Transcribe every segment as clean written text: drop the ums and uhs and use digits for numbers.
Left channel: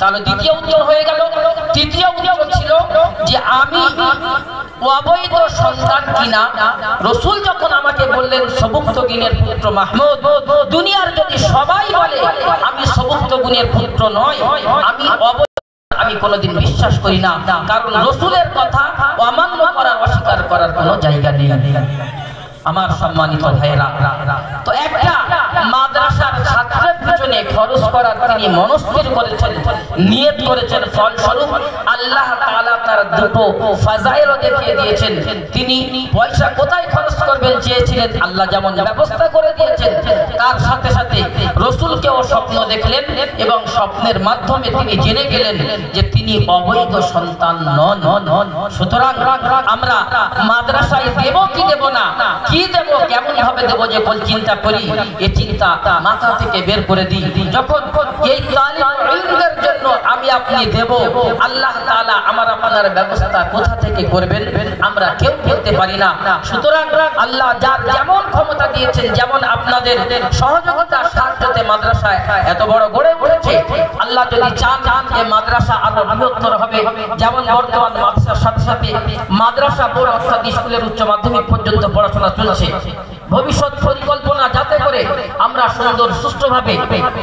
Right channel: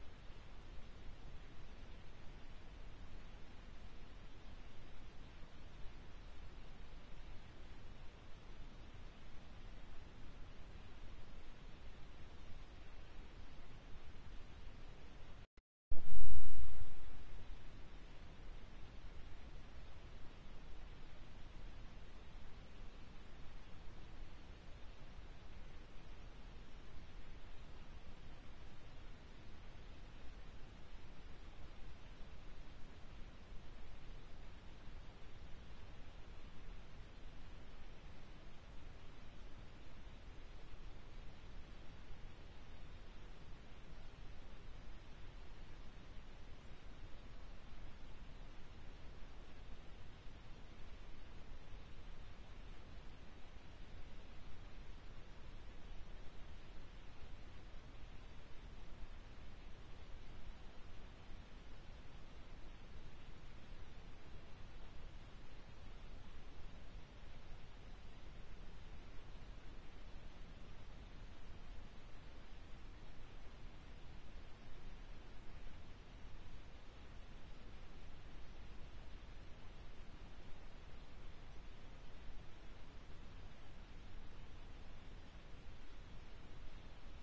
তাহলে দ্বিতীয় উত্তর হয়ে গেল। তৃতীয় উত্তর ছিল যে আমি অবৈধ সন্তান কিনা। রাসূল যখন আমাকে বললেন সবুক্তগিনের পুত্র মাহমুদ, দুনিয়ার যদি সবাই বলে আমি সবুক্তগিনের পুত্র নয়, আমি কোনোদিন বিশ্বাস করি না, কারণ রাসূলের কথা অমান্য করার, অস্বীকার করার কোনো জায়গা নেই। আমার সম্মানিত ভাইয়েরা, তো একটা মাদ্রাসার ছাত্রের পিছনে খরচ করার তিনি মনস্থির করেছেন, নিয়ত করেছেন, ফলস্বরূপ আল্লাহ তাআলা তার দুটো ফাজাইল দেখিয়ে দিয়েছেন। তিনি পয়সা কোথায় খরচ করবেন চেয়েছিলেন, আল্লাহ যেমন ব্যবস্থা করে দিয়েছেন, তার সাথে সাথে রাসূলকেও স্বপ্ন দেখলেন এবং স্বপ্নের মাধ্যমে তিনি জেনে গেলেন যে তিনি অবৈধ সন্তান নন। সুতরাং আমরা মাদ্রাসায় দেব কি দেব না, কি দেব, কেমন ভাবে দেব, যে কোন চিন্তা করি, এই চিন্তা মাথা থেকে বের করে দিই। যখন এই তালিম ইলমের জন্য আমি আপনি দেব, আল্লাহ তাআলা আমার আপনার ব্যবস্থা কোথা থেকে করবেন আমরা কেউ বলতে পারি না। সুতরাং আল্লাহ যার যেমন ক্ষমতা দিয়েছেন, যেমন আপনাদের সহযোগিতা সাহায্যতে মাদ্রাসায় এত বড় গড়ে উঠেছে, আল্লাহ যদি চান এই মাদ্রাসা আরো বৃহত্তর হবে। যেমন বর্তমান মাদ্রাসার সাথে সাথে মাদ্রাসা বোর্ড অর্থাৎ স্কুলের উচ্চ মাধ্যমিক পর্যন্ত পড়াশোনা চলছে। ভবিষ্যৎ পরিকল্পনা যাতে করে আমরা সুন্দর সুষ্ঠুভাবে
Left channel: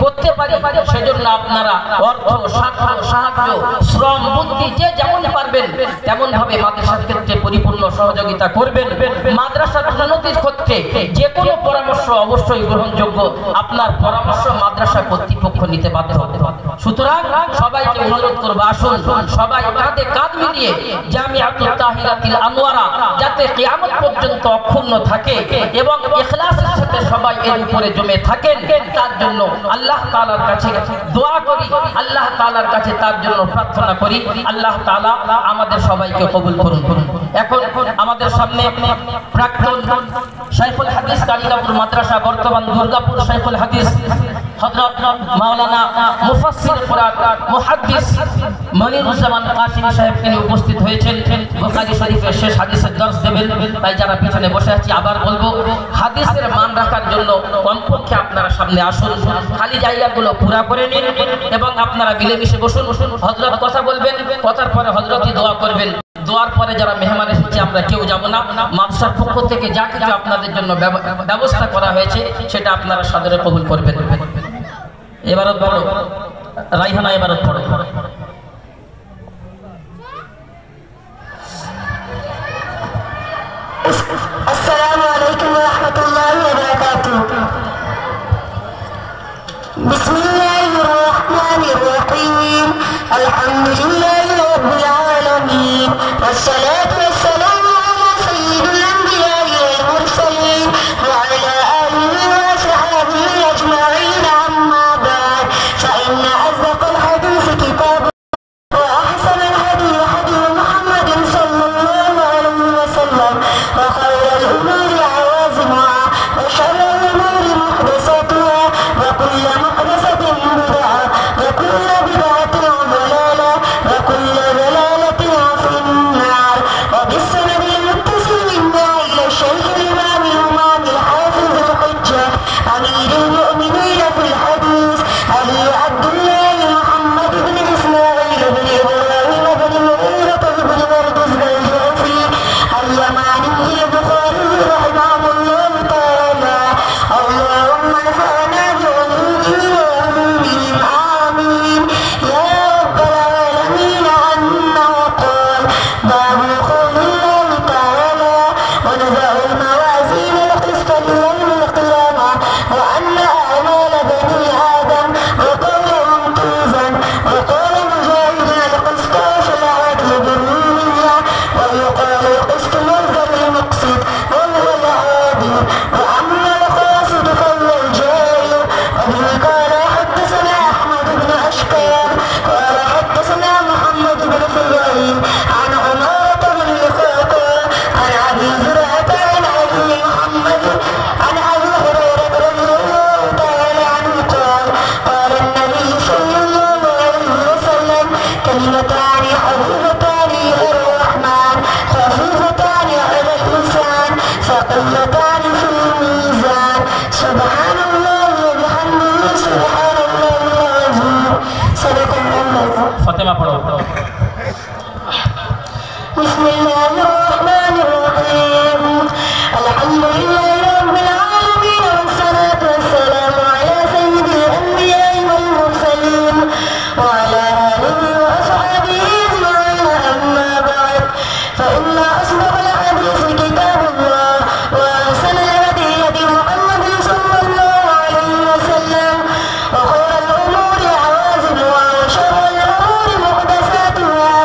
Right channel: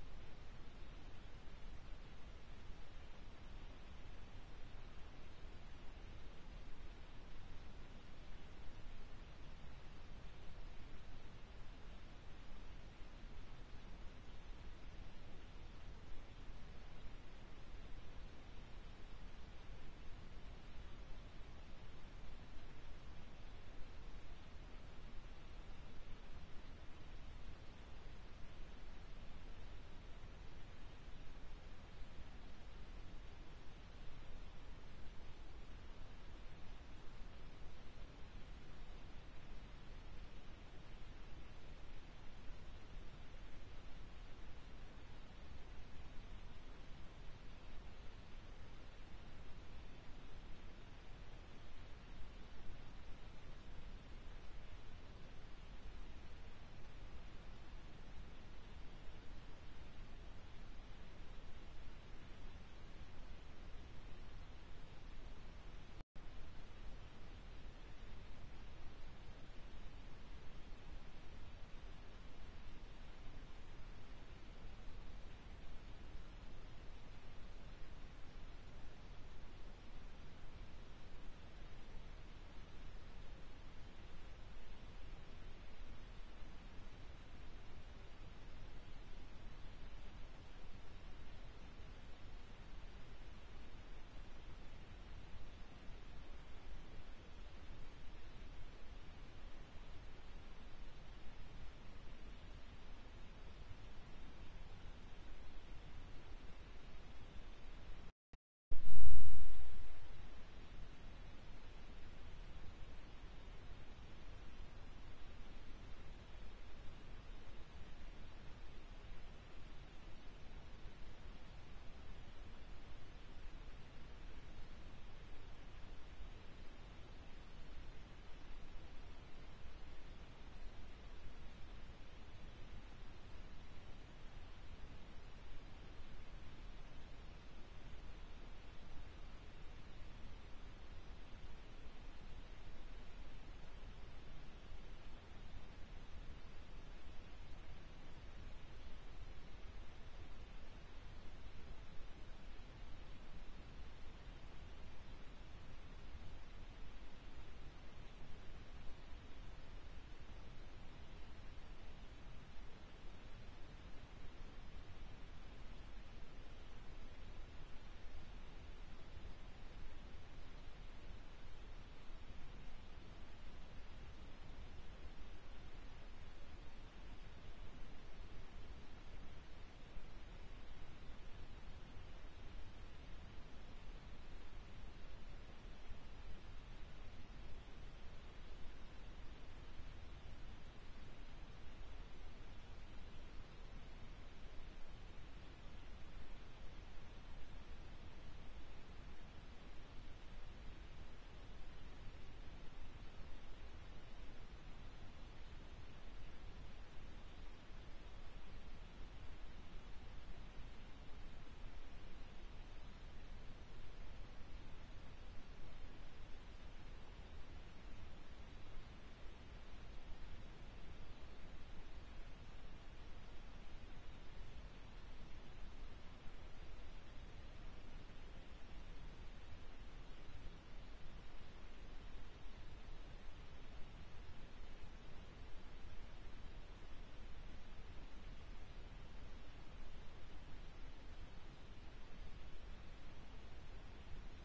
করতে পারি, সেজন্য আপনারা অর্থ, সাহায্য, শ্রম, বুদ্ধি যে যেমন পারবেন তেমন ভাবে মাদ্রাসার ক্ষেত্রে পরিপূর্ণ সহযোগিতা করবেন। মাদ্রাসার উন্নতির ক্ষেত্রে যে কোনো পরামর্শ অবশ্যই গ্রহণযোগ্য। আপনার পরামর্শ মাদ্রাসা কর্তৃপক্ষ নিতে বাধ্য হবে। সুতরাং সবাইকে অনুরোধ করব, আসুন সবাই কাঁধে কাঁধ মিলিয়ে জামিআতুত তাহিরাতুল আনোয়ারা যাতে কিয়ামত পর্যন্ত অক্ষুণ্ণ থাকে এবং ইখলাসের সাথে সবাই এর উপরে জমে থাকেন, তার জন্য আল্লাহ তাআলার কাছে দোয়া করি, আল্লাহ তাআলার কাছে তার জন্য প্রার্থনা করি। আল্লাহ তাআলা আমাদের সবাইকে কবুল করুন। এখন আমাদের সামনে প্রাক্তন শাইখুল হাদিস কালিকাপুর মাদ্রাসা, বর্তমান দুর্গাপুর শাইখুল হাদিস হযরত মাওলানা মুফাসসির কুরআন মুহাদ্দিস মনিরুজ্জামান কাসিমি সাহেব তিনি উপস্থিত হয়েছেন। বুখারী শরীফের শেষ হাদিসের দর্শ দেবেন। তাই যারা পিছনে বসে আছি আবার বলবো, হাদিসের মান রাখার জন্য কমপক্ষে আপনারা সামনে আসুন, খালি জায়গাগুলো পুরা করে নিন এবং আপনারা মিলেমিশে বসুন। হযরত কথা বলবেন, কথার পরে হযরতই দোয়া করবেন। দোয়ার পরে যারা মেহমান এসেছে আমরা কেউ যাব না। মাদ্রাসার পক্ষ থেকে যা কিছু আপনাদের জন্য ব্যবস্থা করা হয়েছে সেটা আপনারা সাদরে কবুল করবেন। এবারত পড়ো, রাইহানা এবারত পড়ো। আসসালামু আলাইকুম ওয়া রাহমাতুল্লাহি ওয়া বারাকাতুহু। বিসমিল্লাহির রাহমানির রাহিম। আলহামদুলিল্লাহি রাব্বিল আলামিন। ওয়াসসালাতু ওয়াসসালামু আলা সাইয়্যিদিল আনবিয়া'i ওয়াল মুরসালিন ওয়া আলা আলিহি ওয়া সাহবিহি আজমাইন। আম্মা বা'দ, ফাইন্না আযদাকাল হাদীস কিতাবুল্লাহ ওয়া আহসানাল হাদী হাদী মুহাম্মাদিন সাল্লাল্লাহু আলাইহি ওয়া সাল্লাম ওয়া খায়রাল উমুরি আওয়াজিমুহা ওয়া শাররাল উমুরি মুহদাসাতুহা ওয়া কুল্lu মুহদাসাতিন বিদআহ ওয়া কুল্lu বিদআতিন ضلالة ওয়া কুল্lu ضلالة ফিন নার। ওয়া বিসনাদিল মুত্তাসিল মিন্না ইলা শাইখিল ইমামিল ইমামিল হাফিজিল হুজ্জাহ আমিরুল মুমিনিন ফিল হাদিস আলী আব্দুল্লাহ মুহাম্মদ ইবনে ইসমাঈল ইবনে ইব্রাহিম ইবনে মুগীরা ইবনে মারদুজ আল-জুফি al-Yamani al-Bukhari rahimahullah ta'ala। Allahumma nafa'na bi'ulumihi wa 'ulumihim amin ya rabbal alamin। annahu qala babu qawlillahi ta'ala wa nada'u al-mawazin al-qist li-yawm al-qiyamah wa anna a'mala bani adam wa qawluhum tuzan wa qala mujahid al-qistas al-'adl bil-niyyah wa yuqalu al-qist مصدر المقصد وهو العادل وأما القاصد فهو الجاهل. وبه قال حدثنا أحمد بن أشكال قال حدثنا محمد بن فضيل عن عمارة بن الخطاب عن أبي زرعة عن أبي محمد عن أبي هريرة رضي الله تعالى عنه قال قال النبي صلى الله عليه وسلم كلمتان حبيبتان إلى الرحمن خفيفتان على اللسان ثقيلتان في الميزان سبحان الله وبحمده سبحان الله العظيم. صدق الله Fatema পড়ো। বিসমিল্লাহির রহমানির রহিম আলহামদুলিল্লাহি রাব্বিল আলামিন ওয়াসসালাতু ওয়াসসালামু আলা সাইয়্যিদিল আম্বিয়া'i ওয়াল মুরসালিন ওয়া আলা আলিহি ওয়া আসহাবিহি আজমাইন আম্মা বা'দ فإن أصدق الحديث كتاب الله وأحسن الهدي هدي محمد صلى الله عليه وسلم وخير الأمور عوازمها وشر الأمور محدثاتها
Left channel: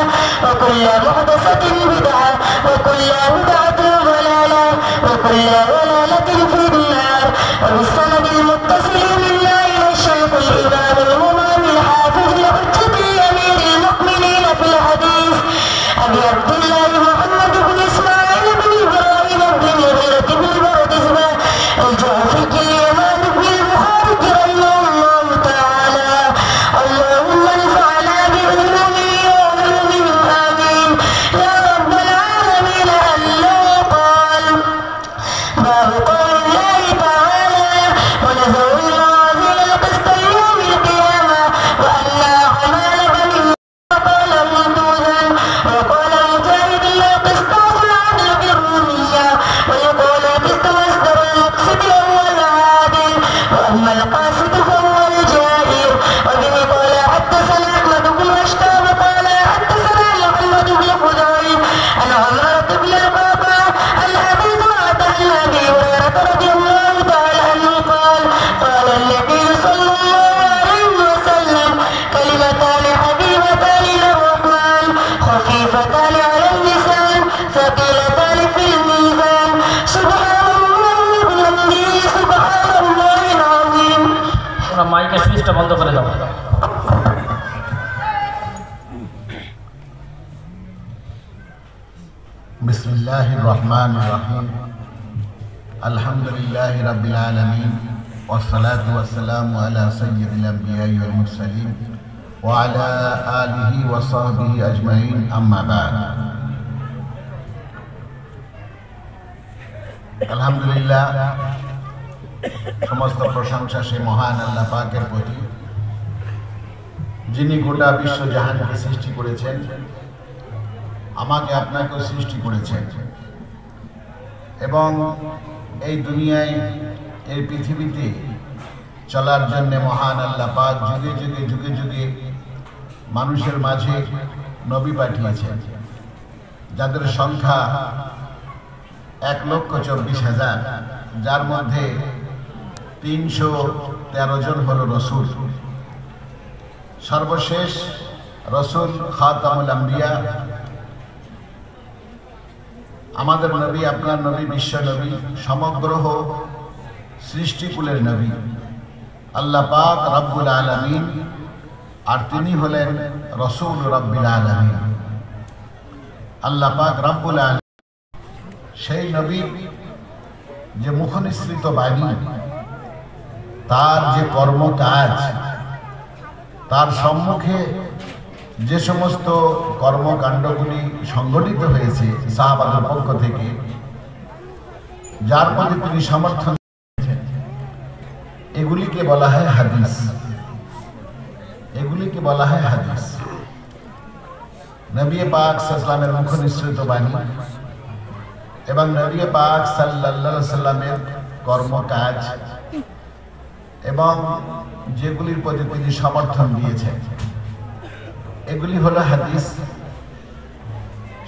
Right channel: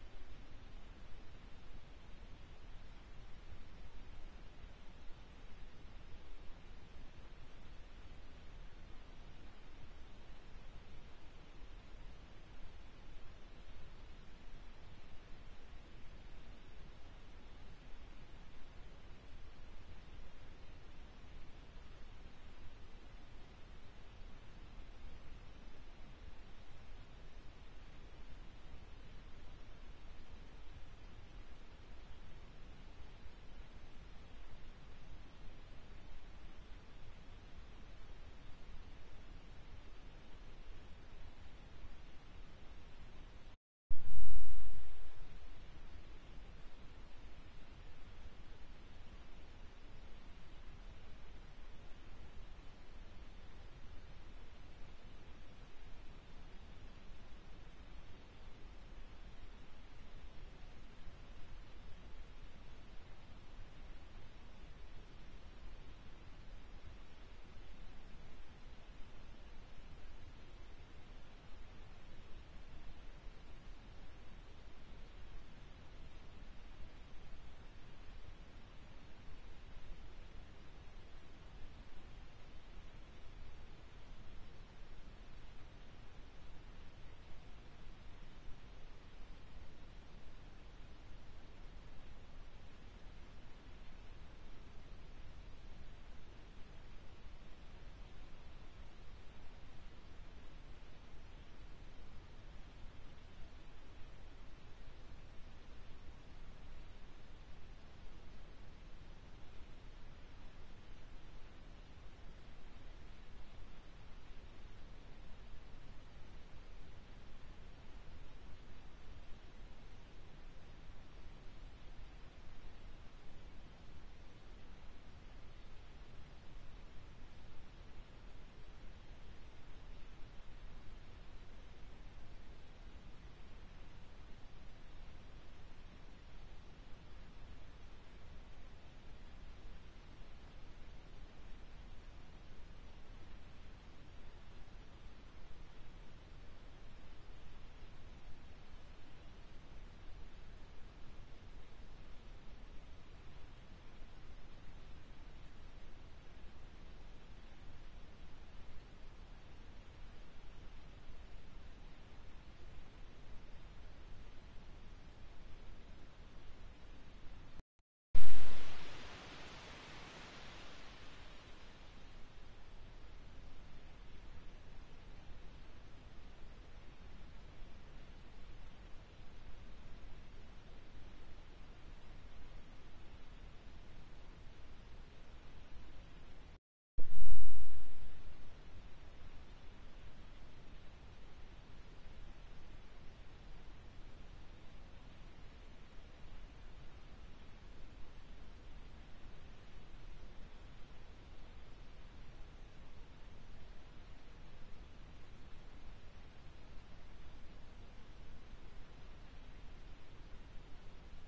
وكل محدثة بدعة وكل بدعة ضلالة وكل ضلالة في النار وبالسند المتصل منا إلى الشيخ الإمام الإمام الحافظ الحجة الأمير المؤمنين في الحديث أبي عبد الله محمد بن إسماعيل بن إبراهيم بن المغيرة بن البردزبة الجعفي اليمان بن البخاري رحمه الله تعالى اللهم انفعنا بعلومه وعلومهم آمين يا رب العالمين. أنه قال باب قول الله تعالى ونزل الموازين القسط يوم القيامة وأن أعمال بني وقال مردودا وقال مجاهد لا قسطاس العدل بالرومية ويقول القسط مصدر المقسط وهو العادل وأما القاسط فهو الجائر. وبه قال حدثنا أحمد بن أشتاب قال حدثنا محمد بن خزاعي عن عمرة بن القعقاع عن أبي زرعة عن أبي هريرة رضي الله تعالى عنه قال قال النبي صلى الله عليه وسلم كلمتان حبيبتان للرحمن خفيفتان على اللسان ثقيلتان في الميزان سبحان الله وبحمده سبحان الله العظيم. তোমরা মাইকের সুইচটা বন্ধ করে দাও। بسم الله الرحمن الرحيم الحمد لله رب العالمين والصلاة والسلام على سيد الأنبياء والمرسلين وعلى آله وصحبه أجمعين أما بعد. الحمد لله সমস্ত প্রশংসা সেই মহান আল্লাহ পাকের প্রতি যিনি গোটা বিশ্ব জাহানকে সৃষ্টি করেছেন, আমাকে আপনাকেও সৃষ্টি করেছেন এবং এই দুনিয়ায় এই পৃথিবীতে চলার জন্য মহান আল্লাহ পাক যুগে যুগে যুগে যুগে মানুষের মাঝে নবী পাঠিয়েছেন, যাদের সংখ্যা 1,24,000, যার মধ্যে 313 জন হলো রসুল। সর্বশেষ রসুল খাতামুল আম্বিয়া, আমাদের নবী, আপনার নবী, বিশ্ব নবী, সমগ্র সৃষ্টিকুলের নবী, আল্লাহ পাক রব্বুল আলামিন, আর তিনি হলেন রসুল রব্বিল আলামিন। আল্লাহ পাক রব্বুল আলামিন সেই নবী যে মুখনিসৃত বাণী, তার যে কর্মকাজ, তার সম্মুখে যে সমস্ত কর্মকাণ্ডগুলি সংগঠিত হয়েছে সাহাবাদের পক্ষ থেকে, যার প্রতি তিনি সমর্থন দিয়েছেন, এগুলিকে বলা হয় হাদিস। এগুলিকে বলা হয় হাদিস। নবী পাক সাল্লাল্লাহু আলাইহি মুখ নিঃসৃত বাণী এবং নবী পাক সাল্লাল্লাহু আলাইহি সাল্লামের কর্মকাজ এবং যেগুলির প্রতি তিনি সমর্থন দিয়েছেন, এগুলি হলো হাদিস।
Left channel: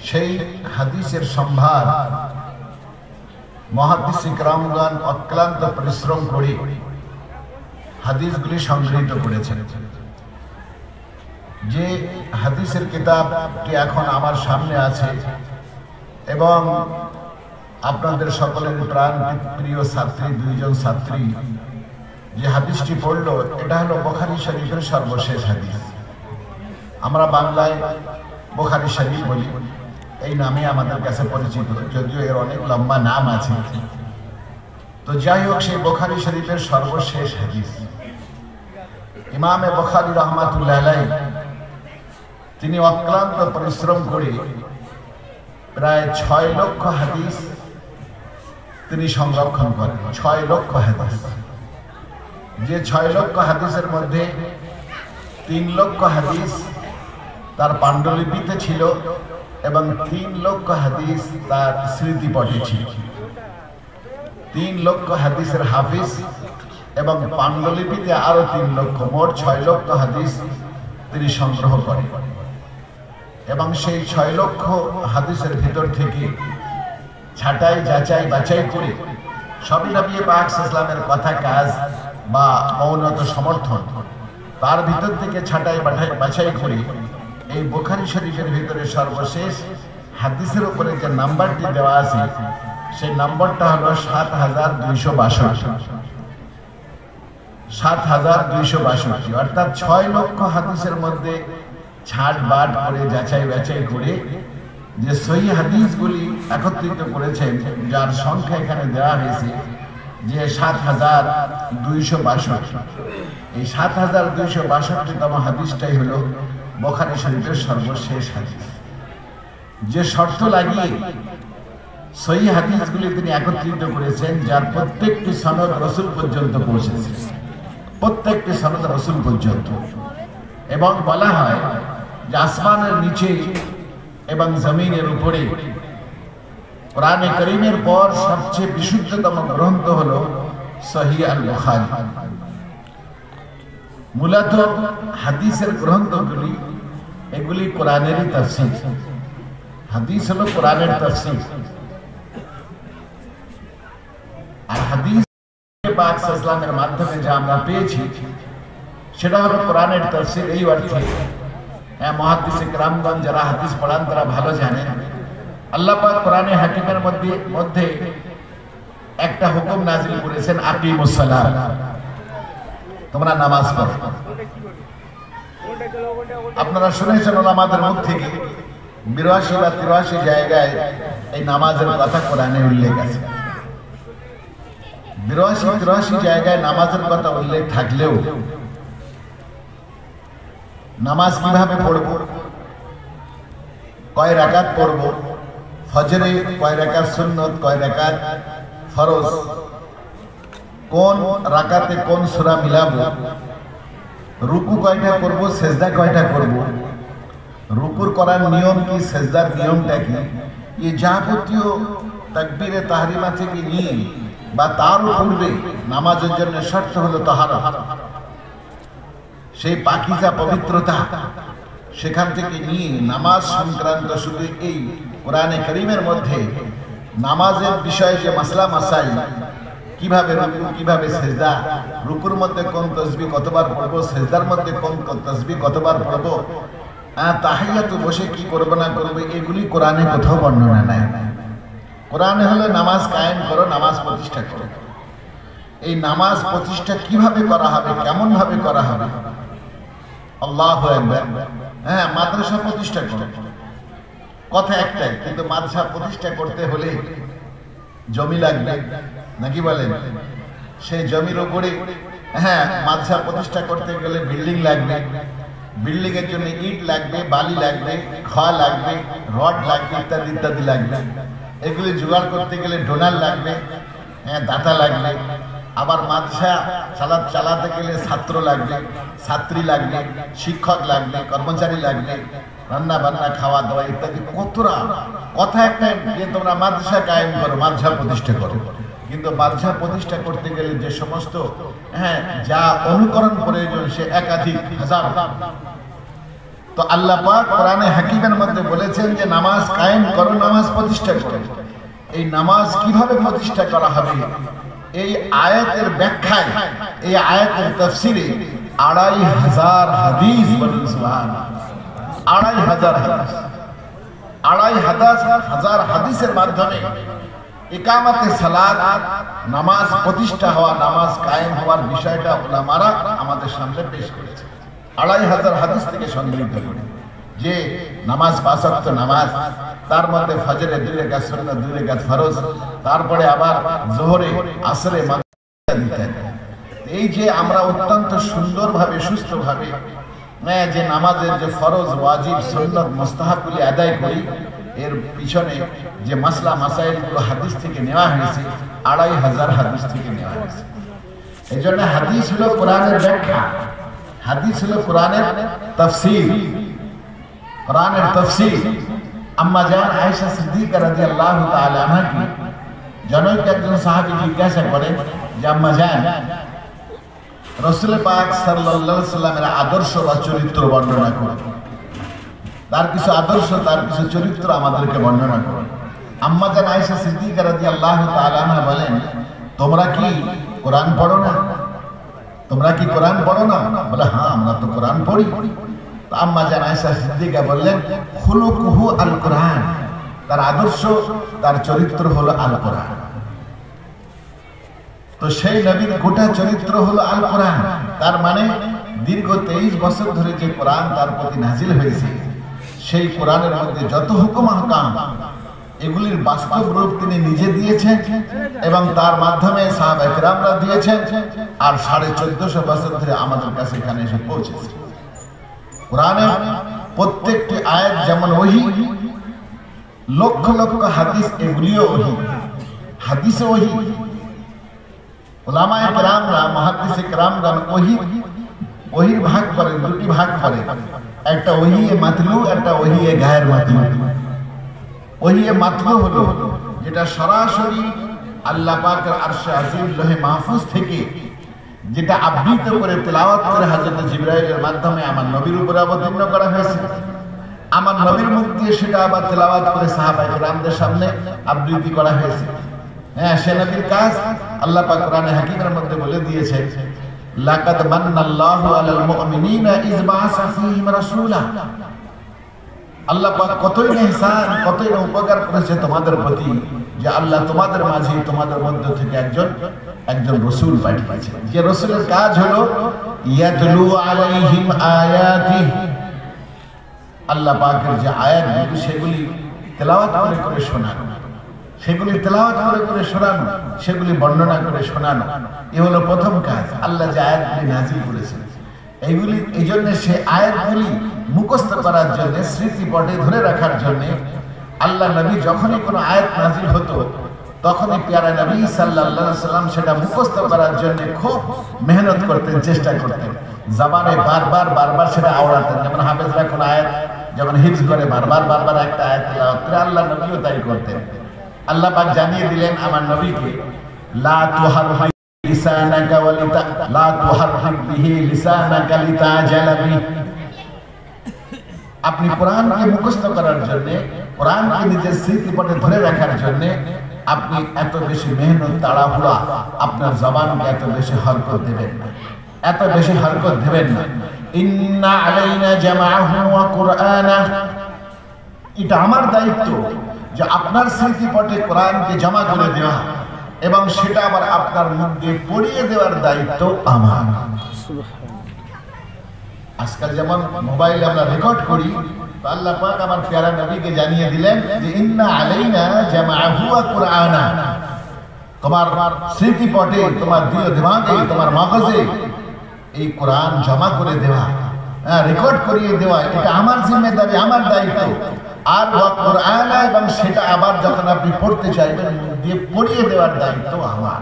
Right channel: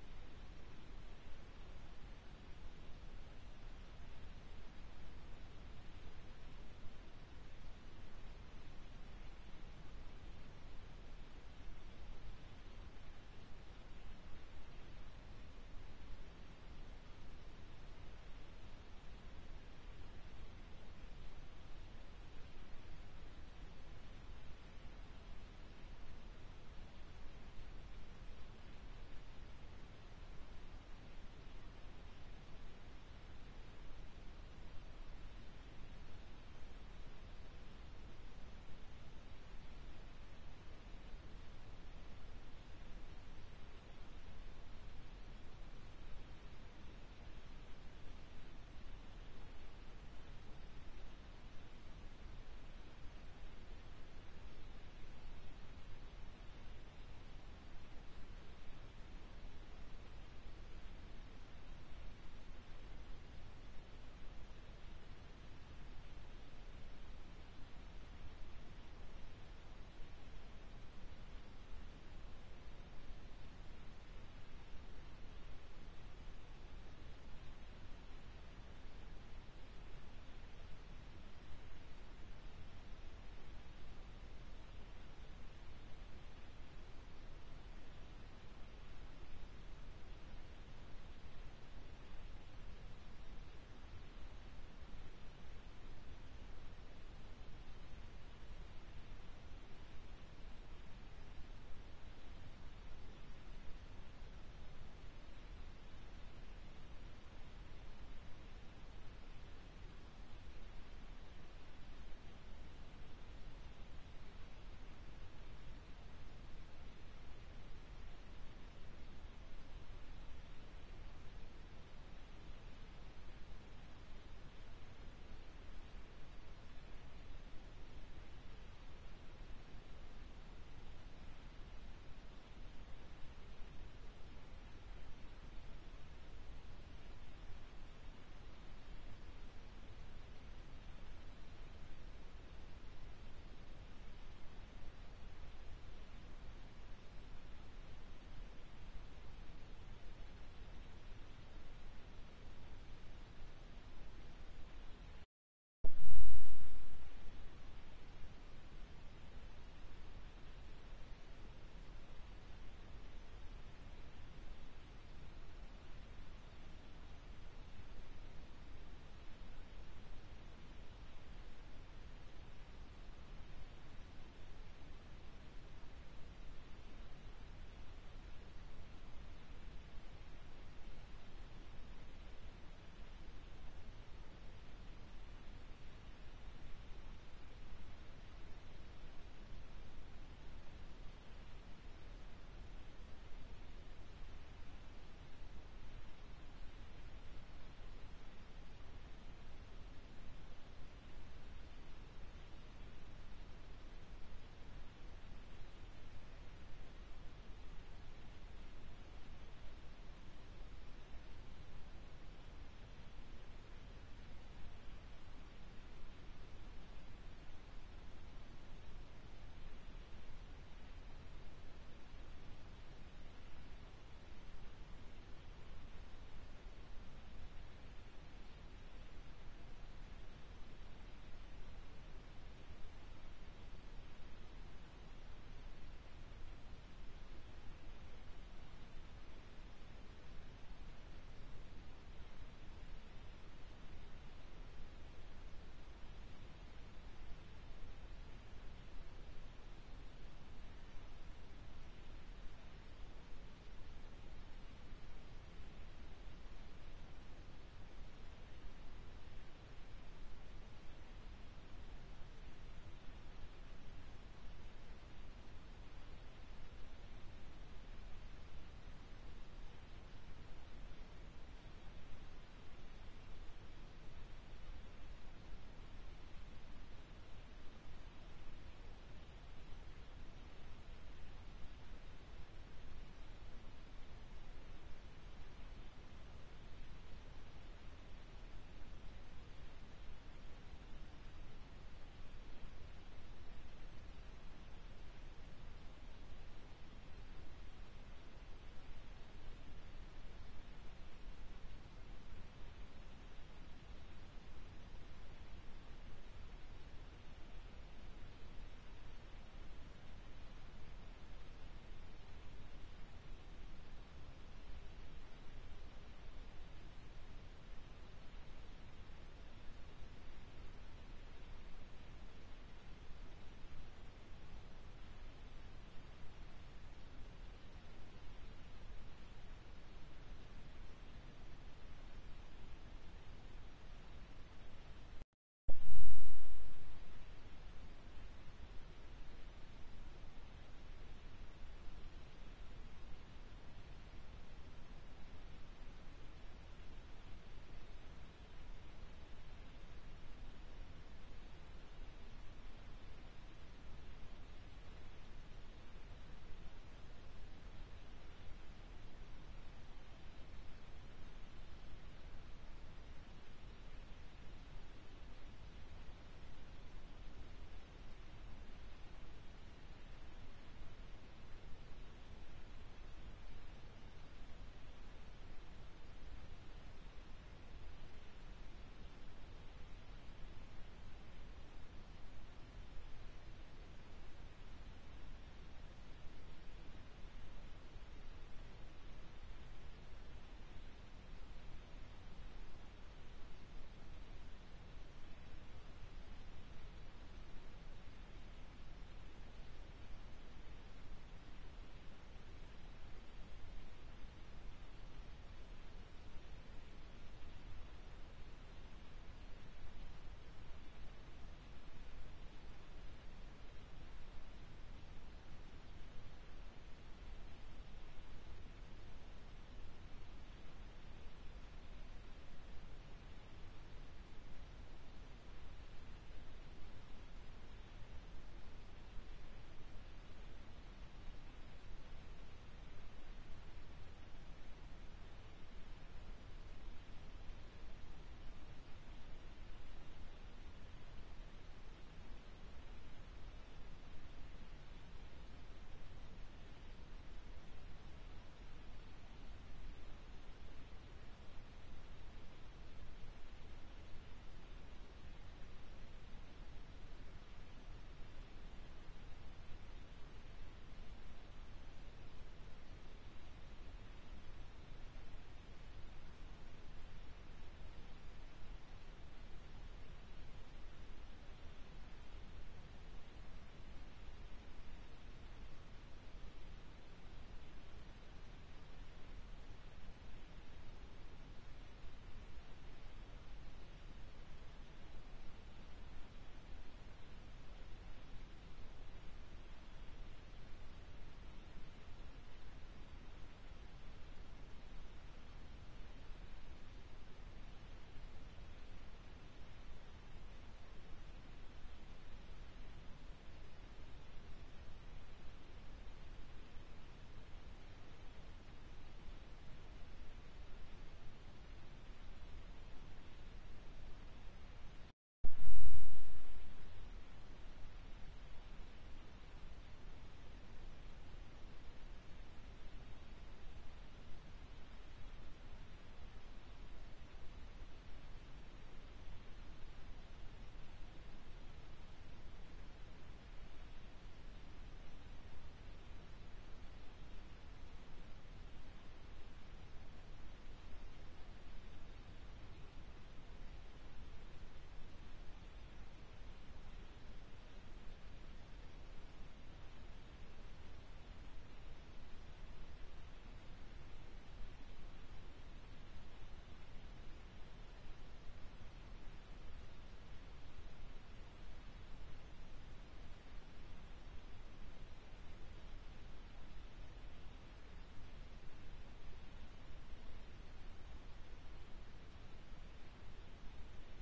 সেই হাদিসের সম্ভার মুহাদ্দিস ইকরামগণ অক্লান্ত পরিশ্রম করে হাদিসগুলি সংগৃহীত করেছেন। যে হাদিসের কিতাবটি এখন আমার সামনে আছে এবং আপনাদের সকলের প্রাণ প্রিয় ছাত্রী, 2 জন ছাত্রী যে হাদিসটি পড়ল, এটা হলো বুখারী শরীফের সর্বশেষ হাদিস। আমরা বাংলায় বুখারী শরীফ বলি, এই নামে আমাদের কাছে পরিচিত, যদিও এর অনেক লম্বা নাম আছে। তো যাই হোক, সেই বুখারী শরীফের সর্বশেষ হাদিস ইমামে বুখারী রাহমাতুল্লাহ আলাইহি তিনি অক্লান্ত পরিশ্রম করে প্রায় 6 লক্ষ হাদিস তিনি সংরক্ষণ করেন। 6 লক্ষ হাদিস, যে 6 লক্ষ হাদিসের মধ্যে 3 লক্ষ হাদিস তার পাণ্ডুলিপিতে ছিল এবং 3 লক্ষ হাদিস তার স্মৃতিপটে ছিল। 3 লক্ষ হাদিসের হাফিজ এবং পাণ্ডুলিপিতে আরো 3 লক্ষ, মোট 6 লক্ষ হাদিস তিনি সংগ্রহ করেন। এবং সেই 6 লক্ষ হাদিসের ভিতর থেকে ছাঁটাই যাচাই বাছাই করে সবই নবী পাক সাল্লাল্লাহু আলাইহি কথা কাজ বা মৌনত সমর্থন, তার ভিতর থেকে ছাঁটাই বাছাই করে এই বুখারী শরীফের ভিতরে সর্বশেষ হাদিসের উপরে যে নাম্বারটি দেওয়া আছে সেই নম্বরটা হলো ৭,২৬২। ৭,২৬২, অর্থাৎ 6 লক্ষ হাদিসের মধ্যে ছাট বাট করে যাচাই বাছাই করে যে সহিহ হাদিসগুলি একত্রিত করেছেন, যার সংখ্যা এখানে দেওয়া হয়েছে যে ৭,২৬২। এই ৭,২৬২তম হাদিসটাই হলো বুখারী শরীফের সর্বশেষ হাদিস। যে শর্ত লাগিয়ে সহিহ হাদিসগুলি তিনি একত্রিত করেছেন, যার প্রত্যেকটি সনদ রাসূল পর্যন্ত পৌঁছেছে, প্রত্যেকটি সনদ রাসূল পর্যন্ত। এবং বলা হয় যে আসমানের নিচে এবং জমিনের উপরে কোরআনে কারীমের পর সবচেয়ে বিশুদ্ধতম গ্রন্থ হলো সহিহ আল বুখারী। মূলত হাদিসের গ্রন্থগুলি এগুলি কোরআনেরই তাফসীর। হাদিস হলো কোরআনের তাফসীর। আর হাদিস পাক সাল্লাল্লাহু আলাইহি মাধ্যমে যা আমরা পেয়েছি সেটা হলো কোরআনের তাফসীর। এই অর্থে মুহাদ্দিসে কেরামগণ যারা হাদিস পড়ান তারা ভালো জানেন, আল্লাহ পাক কোরআনে হাকিমের মধ্যে একটা হুকুম নাযিল করেছেন, আকিমুস সালাত, তোমরা নামাজ পড়ো। আপনারা শুনেছেন ওলামাদের মুখ থেকে ৮২ বা ৮৩ জায়গায় এই নামাজের কথা কোরআনে উল্লেখ আছে। ৮২-৮৩ জায়গায় নামাজের কথা উল্লেখ থাকলেও নামাজ কিভাবে পড়ব, কয় রাকাত পড়ব, ফজরে কয় রাকাত সুন্নত, কয় রাকাত ফরজ, কোন রাকাতে কোন সূরা মিলাবো, রুকু কয়টা করব, সেজদা কয়টা করব, রুকুর করার নিয়ম কি, সেজদার নিয়মটা কি, এই যাবতীয় তাকবীরে তাহরিমা থেকে নিয়ে বা তার পূর্বে নামাজের জন্য শর্ত হলো তাহারত, সেই পাকিজা পবিত্রতা, সেখান থেকে নিয়ে নামাজ সংক্রান্ত শুধু এই কোরআনে কারীমের মধ্যে নামাজের বিষয়ে যে মাসলা মাসাইল, কিভাবে রুকু, কিভাবে সেজদা, রুকুর মধ্যে কোন তাসবিহ কতবার পড়বো, সেজদার মধ্যে কোন তাসবিহ কতবার পড়বো, তাহিয়াতে বসে কি করব না করব, এগুলি কোরআনে কোথাও বর্ণনা নাই। কোরআনে হলো নামাজ কায়েম করো, নামাজ প্রতিষ্ঠা করো। এই নামাজ প্রতিষ্ঠা কিভাবে করা হবে, কেমন ভাবে করা হবে, আল্লাহু আকবার। মাদ্রাসা প্রতিষ্ঠা করো, কথা একটাই, কিন্তু মাদ্রাসা প্রতিষ্ঠা করতে হলে জমি লাগবে, নাকি বলেন? সেই জমির উপরে মাদ্রাসা প্রতিষ্ঠা করতে গেলে বিল্ডিং লাগবে, বিল্ডিং এর জন্য ইট লাগবে, বালি লাগবে, খোয়া লাগবে, রড লাগবে, ইত্যাদি ইত্যাদি লাগবে। এগুলি জোগাড় করতে গেলে ডোনার লাগবে, দাতা লাগবে। আবার মাদ্রাসা চালাতে গেলে ছাত্র লাগবে, ছাত্রী লাগবে, শিক্ষক লাগবে, কর্মচারী লাগবে, রান্না বান্না, খাওয়া দাওয়া ইত্যাদি। কতরা কথা একটা যে তোমরা মাদ্রাসা কায়েম করো, মাদ্রাসা প্রতিষ্ঠা করো, কিন্তু মাদ্রাসা প্রতিষ্ঠা করতে গেলে যে সমস্ত যা অনুকরণ প্রয়োজন সে একাধিক হাজার। তো আল্লাহ পাক কোরআনে হাকিমের মধ্যে বলেছেন যে নামাজ কায়েম করো, নামাজ প্রতিষ্ঠা করো। এই নামাজ কিভাবে প্রতিষ্ঠা করা হবে, এই আয়াতের ব্যাখ্যায়, এই আয়াতের তাফসীরে ২৫০০ হাদিস, বলুন সুবহানাল্লাহ, ২৫০০ হাদিস, ২৫০০ হাদিসের মাধ্যমে ইকামতে সালাত, নামাজ প্রতিষ্ঠা হওয়া, নামাজ কায়েম হওয়ার বিষয়টা উলামারা আমাদের সামনে পেশ করেছে। ২৫০০ হাদিস থেকে সংগৃহীত করে যে নামাজ ৫ ওয়াক্ত নামাজ, তার মধ্যে ফজরে ২ রাকাত সুন্নাত, ২ রাকাত ফরজ, তারপরে আবার যোহরে, আসরে, মাগরিবে দিতে। এই যে আমরা অত্যন্ত সুন্দরভাবে, সুস্থভাবে যে নামাজের যে ফরজ, ওয়াজিব, সুন্নাত, মুস্তাহাবগুলি আদায় করি, এর পিছনে যে মাসলা মাসাইলগুলো হাদিস থেকে নেওয়া হয়েছে, ২৫০০ হাদিস থেকে নেওয়া হয়েছে। এই জন্য হাদিস হলো কোরআনের ব্যাখ্যা, হাদিস হলো কোরআনের তাফসীর। কোরআনের তাফসীর আম্মা জান আয়েশা সিদ্দিকা রাদিয়াল্লাহু তাআলা আনহা কি জনৈক একজন সাহাবী জিজ্ঞাসা করেন যে আম্মা জান, রাসূল পাক সাল্লাল্লাহু আলাইহি সাল্লামের আদর্শ বা চরিত্র বর্ণনা করুন, তার কিছু আদর্শ, তার কিছু চরিত্র আমাদেরকে বর্ণনা করুন। আম্মা জান আয়েশা সিদ্দিকা রাদিয়াল্লাহু তাআলা আনহা বলেন, তোমরা কি কোরআন পড়ো না? তোমরা কি কোরআন পড়ো না? বলে হ্যাঁ, আমরা তো কোরআন পড়ি। তো আম্মা জান আয়েশা সিদ্দিকা বললেন, খুলুকুহু আল কোরআন, তার আদর্শ, তার চরিত্র হলো আল কোরআন। তো সেই নবীর গোটা চরিত্র হলো আল কোরআন। তার মানে দীর্ঘ 23 বছর ধরে যে কোরআন তার প্রতি নাজিল হয়েছে, সেই কোরআনের মধ্যে যত হুকুম আহকাম, এগুলির বাস্তব রূপ তিনি নিজে দিয়েছেন এবং তার মাধ্যমে সাহাবায়ে কেরামরা দিয়েছেন। আর 1450 বছর ধরে আমাদের কাছে এখানে এসে পৌঁছেছে। কোরআনের প্রত্যেকটি আয়াত যেমন ওহী, লক্ষ লক্ষ হাদিস, এগুলিও ওহী। হাদিসে ওহী, উলামায়ে কেরামরা, মুহাদ্দিসে কেরামগণ ওহীর ভাগ করেন, দুটি ভাগ করে, একটা ওহীয়ে মাতলু, একটা ওহীয়ে গায়ের মাতলু। ওহীয়ে মাতলু হলো যেটা সরাসরি আল্লাহ পাকের আরশে আজিম লৌহে মাহফুজ থেকে যেটা আবৃত করে তেলাওয়াত করে হযরত জিবরাইলের মাধ্যমে আমার নবীর উপরে অবতীর্ণ করা হয়েছে। আমার নবীর মুখ দিয়ে সেটা আবার তেলাওয়াত করে সাহাবায়ে কেরামদের সামনে আবৃত্তি করা হয়েছে। হ্যাঁ, সে নবীর কাজ। আল্লাহ পাক কোরআনে হাকিমের মধ্যে বলে দিয়েছে, লাকাদ মান্নাল্লাহু আলাল মুমিনিনা ইয বাআসা ফীহিম রাসূলা। আল্লাহ পাক কতই ইহসান, কতই উপকার করেছে তোমাদের প্রতি, যে আল্লাহ তোমাদের মাঝে, তোমাদের মধ্য থেকে একজন রাসূল পাঠিয়েছেন, যে রাসূলের কাজ হলো ইয়াতলু আলাইহিম আয়াতিহি, আল্লাহ পাকের যে আয়াতগুলি সেগুলি তেলাওয়াত করে করে শোনানো, সেগুলি তেলাওয়াত করে করে শোনানো, সেগুলি বর্ণনা করে শোনানো। এ হলো প্রথম কাজ। আল্লাহ যে আয়াতগুলি নাজিল করেছেন, এইগুলি এই জন্য সে আয়াতগুলি মুখস্থ করার জন্য, স্মৃতিপটে ধরে রাখার জন্য আল্লাহ নবী যখনই কোনো আয়াত নাজিল হতো, তখনই প্যারা নবী সাল্লাল্লাহু আলাইহি সাল্লাম সেটা মুখস্থ করার জন্য খুব মেহনত করতেন, চেষ্টা করতেন, জবানে বারবার বারবার সেটা আওড়াতেন। যেমন হাফেজরা কোনো আয়াত যখন হিফজ করে বারবার বারবার একটা আয়াত তেলাওয়াত করে, আল্লাহ নবীও তাই করতেন। আল্লাহ পাক জানিয়ে দিলেন আমার নবীকে, লা তুহাররিক লিসানাকা ওয়ালিতা লা তুহাররিক বিহি লিসানাকা লিতাজালা বিহি। আপনি কোরআনকে মুখস্থ করার জন্য, কোরআনকে নিজের স্মৃতিপটে ধরে রাখার জন্য আপনি এত বেশি মেহনত, তাড়াহুড়া, আপনার জবানকে এত বেশি হরকত দেবেন না, এত বেশি হরকত দেবেন না। ইন্না আলাইনা জামাআহু ওয়া কুরআনা, এটা আমার দায়িত্ব যে আপনার স্মৃতিপটে কোরআনকে জমা করে দেওয়া এবং সেটা আবার আপনার মুখ দিয়ে পড়িয়ে দেওয়ার দায়িত্ব আমার। আজকাল যেমন মোবাইলে আমরা রেকর্ড করি, তো আল্লাহ পাক আমার প্যারা নবীকে জানিয়ে দিলেন যে ইন্না আলাইনা জামাআহু ওয়া কুরআনা, তোমার স্মৃতিপটে, তোমার দিল দিমাগে, তোমার মগজে এই কোরআন জমা করে দেওয়া, রেকর্ড করিয়ে দেওয়া, এটা আমার জিম্মেদারি, আমার দায়িত্ব। আর ওয়া কুরআনা, এবং সেটা আবার যখন আপনি পড়তে চাইবেন মুখ দিয়ে পড়িয়ে দেওয়ার দায়িত্ব আমার।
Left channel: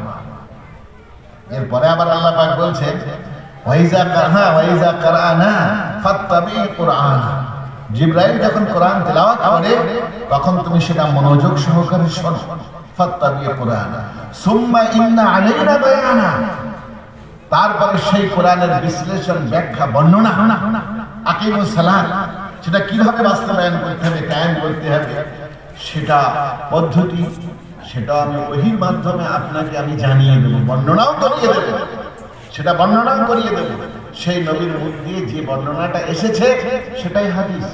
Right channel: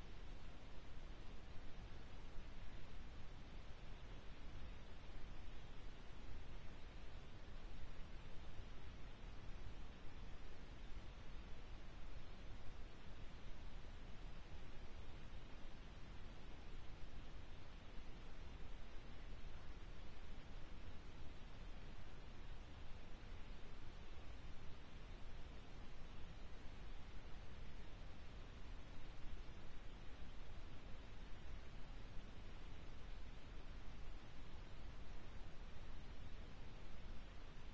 এরপরে আবার আল্লাহ পাক বলছেন, ওয়াইজা কারানা ফাত্তাবি কুরআনা, জিবরাইল যখন কোরআন তেলাওয়াত করে তখন তুমি সেটা মনোযোগ সহকারে শোনো। ফাত্তাবি কুরআনা সুম্মা ইন্না আলাইনা বায়ানা, তারপরে সেই কোরআনের বিশ্লেষণ, ব্যাখ্যা, বর্ণনা, আকিমুস সালাত, সেটা কিভাবে বাস্তবায়ন করতে হবে, কায়েম করতে হবে, সেটা পদ্ধতি, সেটা আমি ওহীর মাধ্যমে আপনাকে আমি জানিয়ে দেবো, বর্ণনাও করিয়ে দেবো, সেটা বর্ণনাও করিয়ে দেবো। সেই নবীর মুখ দিয়ে যে বর্ণনাটা এসেছে সেটাই হাদিস,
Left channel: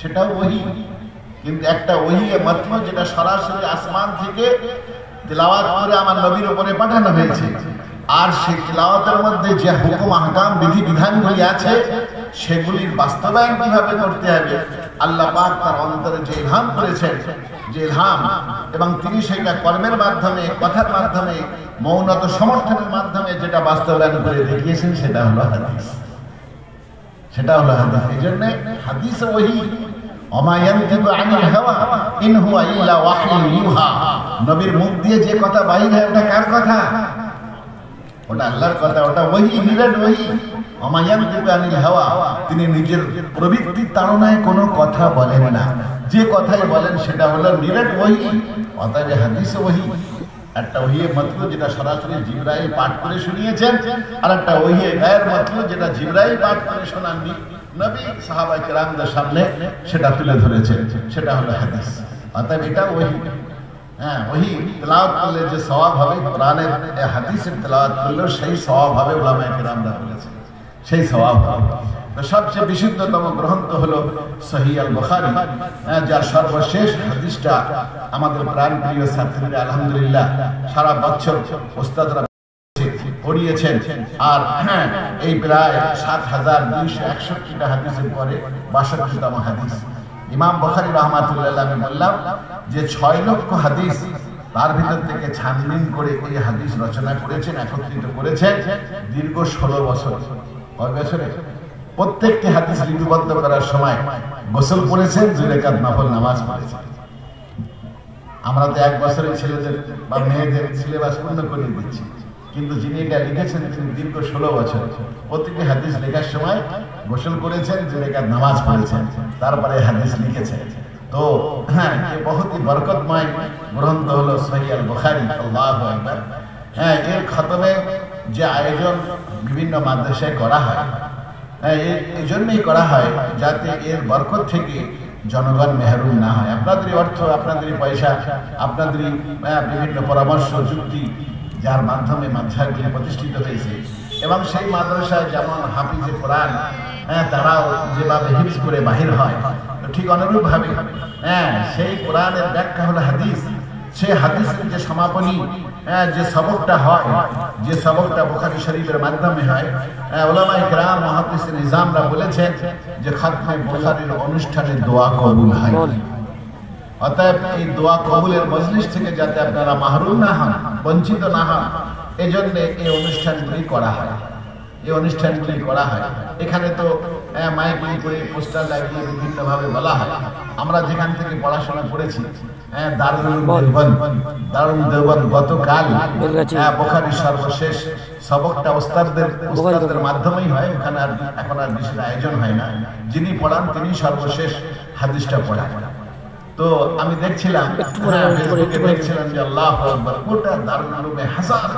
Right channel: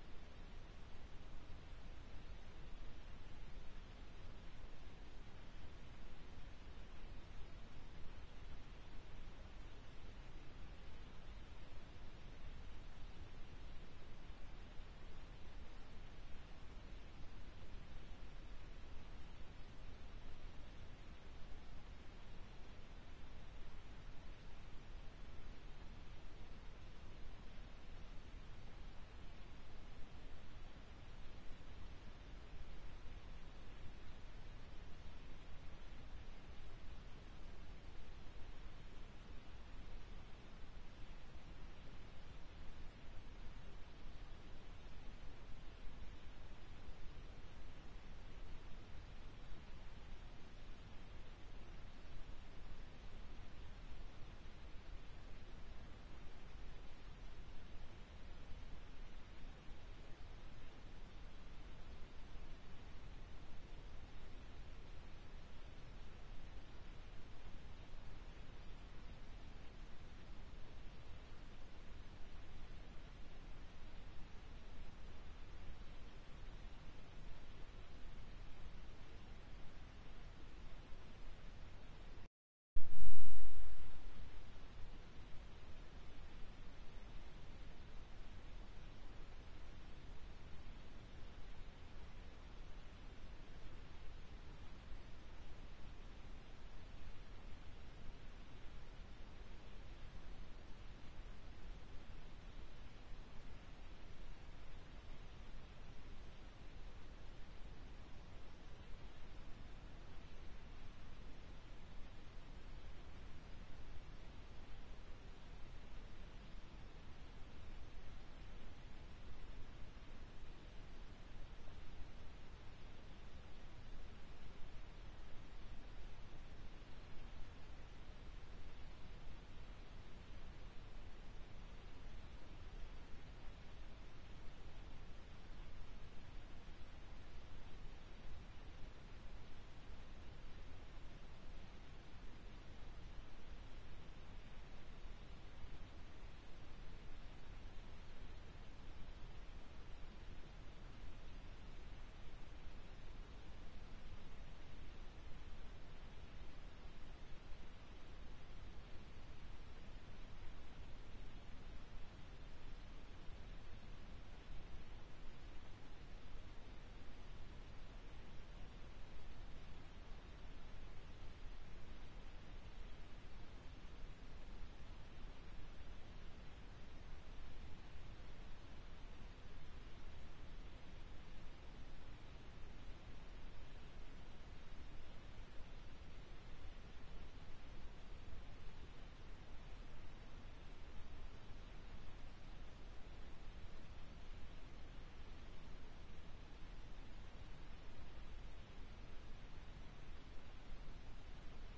সেটাও ওহী। কিন্তু একটা ওহী মাত্র যেটা সরাসরি আসমান থেকে তেলাওয়াত করে আমার নবীর উপরে পাঠানো হয়েছে, আর সেই তেলাওয়াতের মধ্যে যে হুকুম আহকাম, বিধি বিধানগুলি আছে সেগুলির বাস্তবায়ন কিভাবে করতে হবে, আল্লাহ পাক তার অন্তরে যে ইলহাম করেছেন, যে ইলহাম, এবং তিনি সেটা কর্মের মাধ্যমে, কথার মাধ্যমে, মৌনত সমর্থনের মাধ্যমে যেটা বাস্তবায়ন করে দেখিয়েছেন, সেটা হলো হাদিস, সেটা হলো হাদিস। এই জন্য হাদিস ওহী, ওমা ইয়ানতিকু আনিল হাওয়া ইন হুয়া ইল্লা ওয়াহয়ুন ইউহা, নবীর মুখ দিয়ে যে কথা বাইর হয় ওটা কার কথা? ওটা আল্লাহর কথা, ওটা ওহী, নিরেট ওহী। অমায়ান্তিকু আনিল হাওয়া, তিনি নিজের প্রবৃত্তির তাড়নায় কোনো কথা বলেন না, যে কথাই বলেন সেটা হলো নিরেট ওহী। অতএব হাদিস ওহী, একটা ওহিয়ে মাতলু যেটা সরাসরি জিবরাইল পাঠ করে শুনিয়েছেন, আর একটা ওহিয়ে গায়ের মাতলু যেটা জিবরাইল পাঠ করে শোনাননি, নবী সাহাবা কেরামদের সামনে সেটা তুলে ধরেছেন, সেটা হলো হাদিস। অতএব এটা ওহী। হ্যাঁ, ওহী তেলাওয়াত করলে যে সওয়াব হবে, কোরআনের হাদিসের তেলাওয়াত করলেও সেই সওয়াব হবে, উলামায়ে কেরামরা বলেছেন সেই সওয়াব হবে। তো সবচেয়ে বিশুদ্ধতম গ্রন্থ হলো সহিহ আল বুখারী, যার সর্বশেষ হাদিসটা আমাদের প্রাণপ্রিয় ছাত্রীরা আলহামদুলিল্লাহ সারা বছর ওস্তাদরা পড়িয়েছেন। আর এই প্রায় ৭,২৬১টা হাদিসের পরে ৬২তম হাদিস ইমাম বুখারী রাহমাতুল্লাহ, আমি বললাম যে ৬ লক্ষ হাদিস তার ভিতর থেকে ছানবিন করে এই হাদিস রচনা করেছেন, একত্রিত করেছেন দীর্ঘ ১৬ বছর। কয় বছরে? প্রত্যেকটি হাদিস লিপিবদ্ধ করার সময় গোসল করেছেন, ২ রাকাত নফল নামাজ পড়েছেন। আমরা তো ১ বছরের ছেলেদের বা মেয়েদের সিলেবাস পূর্ণ করে দিচ্ছি, কিন্তু যিনি এটা লিখেছেন তিনি দীর্ঘ ১৬ বছর প্রতিটি হাদিস লেখার সময় গোসল করেছেন, ২ রাকাত নামাজ পড়েছেন, তারপরে হাদিস লিখেছেন। তো হ্যাঁ, এ বহুতই বরকতময় গ্রন্থ হলো সহিহ আল বুখারী। আল্লাহু আকবার। হ্যাঁ, এর খতমে যে আয়োজন বিভিন্ন মাদ্রাসায় করা হয়, এই জন্যই করা হয় যাতে এর বরকত থেকে জনগণ মেহরুম না হয়। আপনাদেরই অর্থ, আপনাদেরই পয়সা, আপনাদেরই বিভিন্ন পরামর্শ যুক্তি, যার মাধ্যমে মাদ্রাসাগুলি প্রতিষ্ঠিত হয়েছে। এবং সেই মাদ্রাসায় যেমন হাফিজে কোরআন তারাও যেভাবে হিফজ করে বাহির হয়, ঠিক অনুরূপভাবে সেই কোরআনের ব্যাখ্যা হলো হাদিস। সেই হাদিসের যে সমাপনী, যে সবকটা হয়, যে সবকটা বুখারী শরীফের মাধ্যমে হয়, উলামায়ে কেরাম মুহাদ্দিসিন নিজামরা বলেছেন যে খাতমে বুখারীর অনুষ্ঠানে দোয়া কবুল হয়। অতএব এই দোয়া কবুলের মজলিস থেকে যাতে আপনারা মাহরুম না হন, বঞ্চিত না হন, এজন্য এই অনুষ্ঠানগুলি করা হয়। এই অনুষ্ঠানগুলি করা হয়। এখানে তো মাইকিং করে পোস্টার লাগিয়ে বিভিন্নভাবে বলা হয়। আমরা যেখান থেকে পড়াশোনা করেছি, দারুল দেওবন্দ গতকাল বুখারীর সর্বশেষ সবকটা ওস্তাদদের মাধ্যমেই হয়। ওখানে আর এখন আর বিশেষ আয়োজন হয় না, যিনি পড়ান তিনি সর্বশেষ হাদিসটা পড়ান। তো আমি দেখছিলাম ফেসবুকে, দেখছিলাম যে আল্লাহু আকবার, গোটা দারুল উলুমে হাজার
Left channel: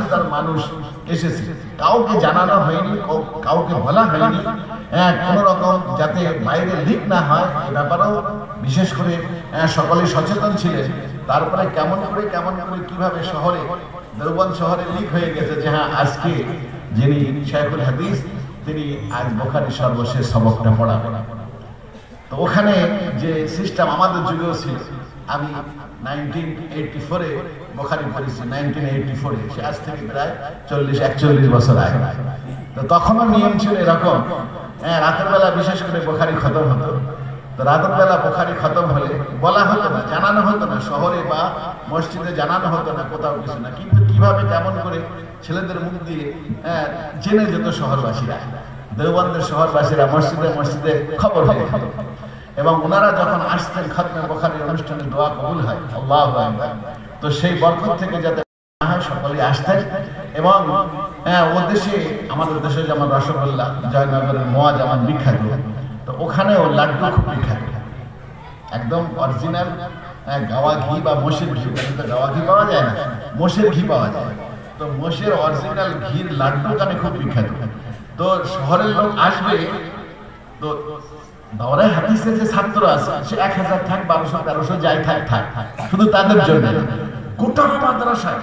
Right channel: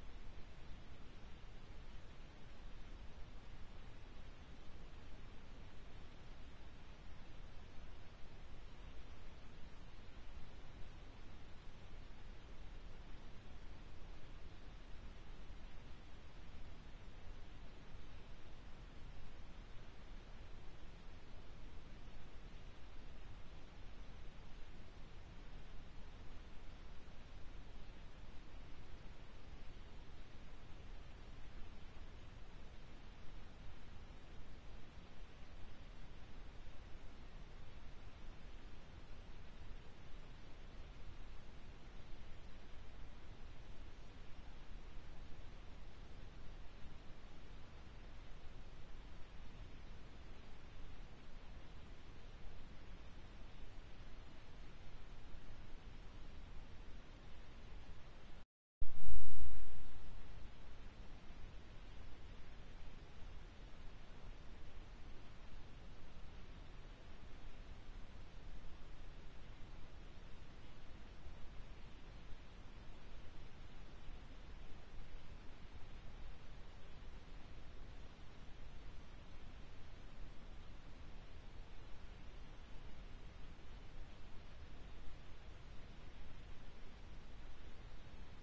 হাজার মানুষ এসেছে। কাউকে জানানো হয়নি, কাউকে বলা হয়নি, কোন রকম যাতে বাইরে লিক না হয় এ ব্যাপারেও বিশেষ করে সকলে সচেতন ছিলেন। তারপরে কেমন করে কিভাবে শহরে, দেওবন্দ শহরে লিক হয়ে গেছে যে হ্যাঁ, আজকে যিনি শাইখুল হাদিস তিনি আজ বুখারীর সর্বশেষ সবকটা পড়াবেন। তো ওখানে যে সিস্টেম আমাদের যুগেও ছিল, আমি 1984-এ বুখারী পড়েছি, 1984-এ, সে আজ থেকে প্রায় 40-41 বছর আগে। তো তখনও নিয়ম ছিল এরকম, রাতের বেলা বিশেষ করে বুখারী খতম হতো। তো রাতের বেলা বুখারী খতম হলে বলা হতো না, জানানো হতো না, শহরে বা মসজিদে জানানো হতো না, কোথাও কিছু না, কিন্তু কিভাবে কেমন করে ছেলেদের মুখ দিয়ে জেনে যেত শহরবাসীরা, দেওবন্দের শহরবাসীরা মসজিদে মসজিদে খবর হয়ে যেত। এবং ওনারা যখন আসতেন খতমে বুখারীর অনুষ্ঠানে দোয়া কবুল হয়, আল্লাহু আকবার। তো সেই বরকত থেকে যাতে সকলে আসতেন। এবং ও দেশে, আমাদের দেশে যেমন রসগোল্লা, জয়নগরের মোয়া যেমন বিখ্যাত, তো ওখানেও লাড্ডু খুব বিখ্যাত, একদম অরিজিনাল গাওয়া ঘি বা মোষের ঘি। তো গাওয়া ঘি পাওয়া যায় না, মোষের ঘি পাওয়া যায়। তো মোষের অরিজিনাল ঘির লাড্ডু ওখানে খুব বিখ্যাত। তো শহরের লোক আসবে, তো দাওরায়ে হাদিসের যে ছাত্র আছে সে 1000 থাক, 1200-1300 যাই থাক, শুধু তাদের জন্য গোটা মাদ্রাসায়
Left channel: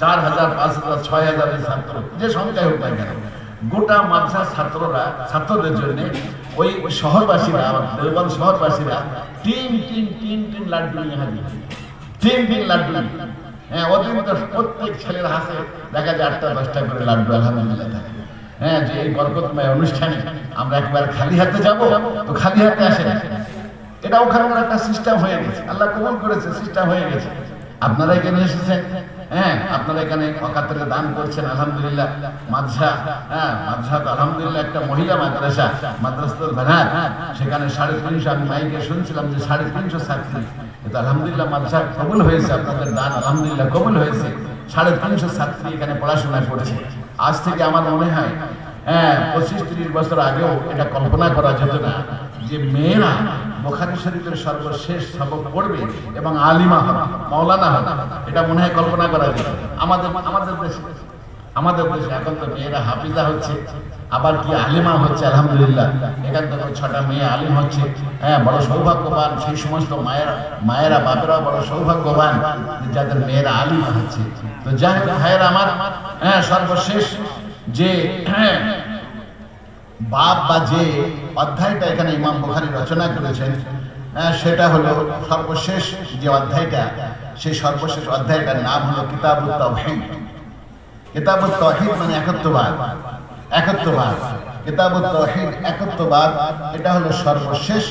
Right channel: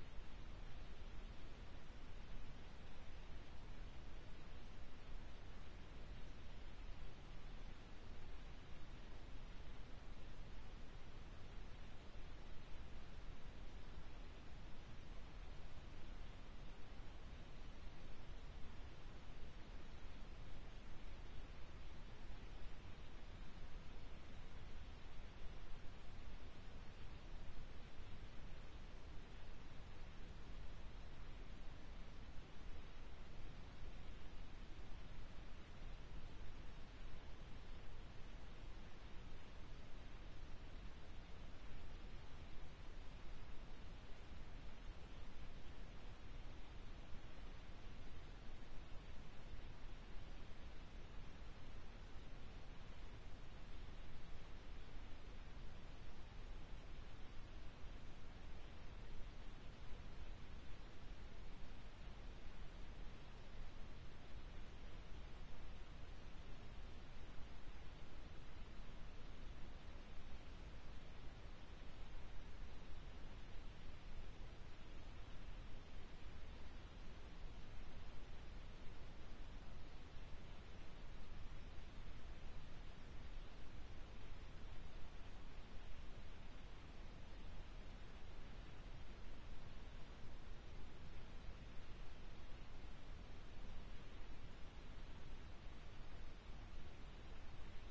4000, 5000, 6000 ছাত্র, যে সংখ্যায় হোক না কেন, গোটা মাদ্রাসার ছাত্রদের জন্য ওই শহরবাসীরা, দেওবন্দ শহরবাসীরা তিন লাড্ডু নিয়ে হাজির, 3 লাড্ডু। হ্যাঁ, ওদের মধ্যে প্রত্যেক ছেলের হাতে দেখা যায় 8টা-10টা করে লাড্ডু আলহামদুলিল্লাহ থাকে। হ্যাঁ, যে এই বরকতময় অনুষ্ঠানে আমরা একবার খালি হাতে যাব, তো খালি হাতে আসে না, এটা ওখানকার একটা সিস্টেম হয়ে গেছে, আল্লাহ কবুল করেছে, সিস্টেম হয়ে গেছে। আপনারা এখানে এসেছেন, হ্যাঁ, আপনারা এখানে অকাতরে দান করছেন, আলহামদুলিল্লাহ। মাদ্রাসা তো আলহামদুলিল্লাহ একটা মহিলা মাদ্রাসা, মাদ্রাসাতুল বানাত, সেখানে 350, আমি মাইকে শুনছিলাম যে 350 ছাত্রী। এটা আলহামদুলিল্লাহ মাদ্রাসা কবুল হয়েছে, আপনাদের দান আলহামদুলিল্লাহ কবুল হয়েছে। 350 ছাত্রী এখানে পড়াশোনা করছে। আজ থেকে আমার মনে হয় 25-30 বছর আগেও এটা কল্পনা করা যেত না যে মেয়েরা বুখারী শরীফের সর্বশেষ সবক পড়বে এবং আলিমা হবে, মাওলানা হবে। এটা মনে হয় কল্পনা করা যেত। আমাদের দেশে এখন তো মেয়েরা হাফিজা হচ্ছে, আবার কি আলিমা হচ্ছে। আলহামদুলিল্লাহ, এখান থেকে 6টা মেয়ে আলিম হচ্ছে। বড় সৌভাগ্যবান সেই সমস্ত মায়েরা বাপেরা বড় সৌভাগ্যবান যাদের মেয়েরা আলিমা হচ্ছে। তো যাই হোক ভাইয়েরা আমার, সর্বশেষ যে বাপ বা যে অধ্যায়টা এখানে ইমাম বুখারী রচনা করেছেন, সেটা হলো সর্বশেষ যে অধ্যায়টা, সেই সর্বশেষ অধ্যায়টার নাম হলো কিতাবুত তাওহীদ। কিতাবুত তাওহীদ মানে একত্ববাদ। কিতাবুত তাওহীদ একত্ববাদ, এটা হলো সর্বশেষ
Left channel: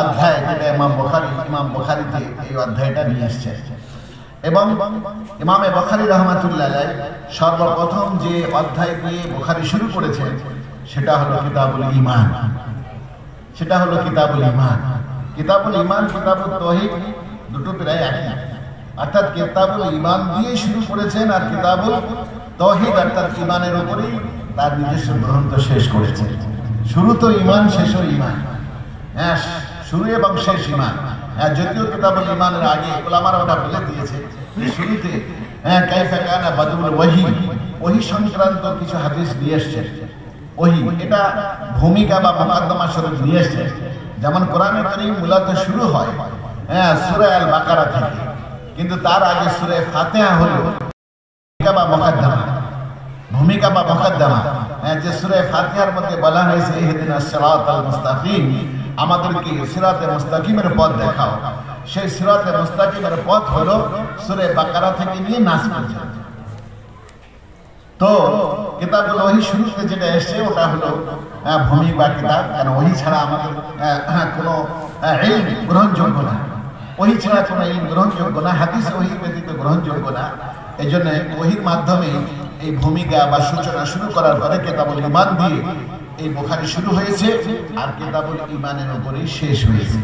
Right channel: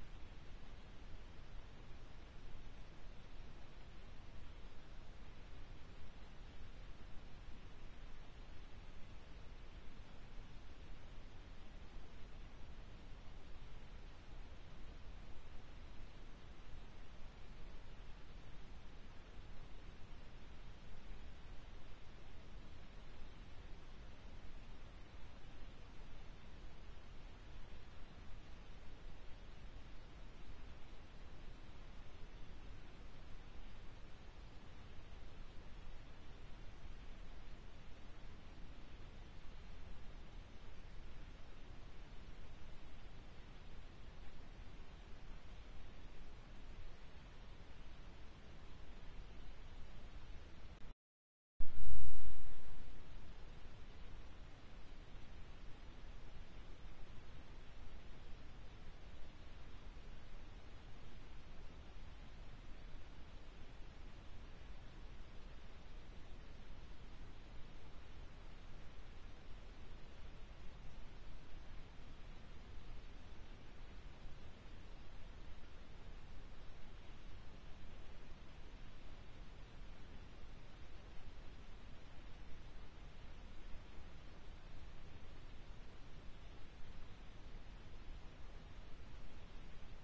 অধ্যায় যেটা ইমাম বুখারীতে এই অধ্যায়টা নিয়ে এসেছে। এবং ইমামে বুখারী রাহমাতুল্লাহ আলাইহি সর্বপ্রথম যে অধ্যায় দিয়ে বুখারী শুরু করেছেন সেটা হলো কিতাবুল ঈমান। কিতাবুল ঈমান, কিতাবুত তাওহীদ দুটো প্রায় একই। অর্থাৎ কিতাবুল ঈমান দিয়ে শুরু করেছেন, আর কিতাবুল তাওহীদ অর্থাৎ ঈমানের উপরেই তার নিজস্ব গ্রন্থ শেষ করেছেন। শুরু তো ঈমান, শেষও ঈমান। শুরু এবং শেষ ঈমান। যদিও কিতাবুল ঈমানের আগে উলামারা ওটা বলে দিয়েছে যে শুরুতে কাইফা কানা বাদুল ওহী সংক্রান্ত কিছু হাদিস নিয়ে এসেছে। এটা ভূমিকা বা মুকাদ্দমা স্বরূপ নিয়ে এসেছে। যেমন কোরআনে কারীম মূলত শুরু হয় সূরা আল বাকারা থেকে, কিন্তু তার আগে সূরা ফাতিহা হলো ভূমিকা বা মুকাদ্দমা। যে সূরা ফাতিহার মধ্যে বলা হয়েছে ইহদিনাস সিরাতাল মুস্তাকিম, আমাদেরকে সিরাতে মুস্তাকিমের পথ দেখাও। সেই সিরাতে মুস্তাকিমের পথ হলো সূরা বাকারা থেকে নিয়ে নাস পর্যন্ত। তো কিতাবুল ওহী শুরুতে যেটা এসেছে ওটা হলো ভূমি বা কিতাব, কারণ ওহী ছাড়া আমাদের কোনো ইলম গ্রহণযোগ্য না। ওহী ছাড়া কোনো ইলম গ্রহণযোগ্য না, হাদিস ওহী ব্যতীত গ্রহণযোগ্য না। এই জন্য ওহীর মাধ্যমে এই ভূমিকা বা সূচনা শুরু করার পরে কিতাবুল ঈমান দিয়ে এই বুখারী শুরু হয়েছে, আর কিতাবুল ঈমানের উপরেই শেষ হয়েছে।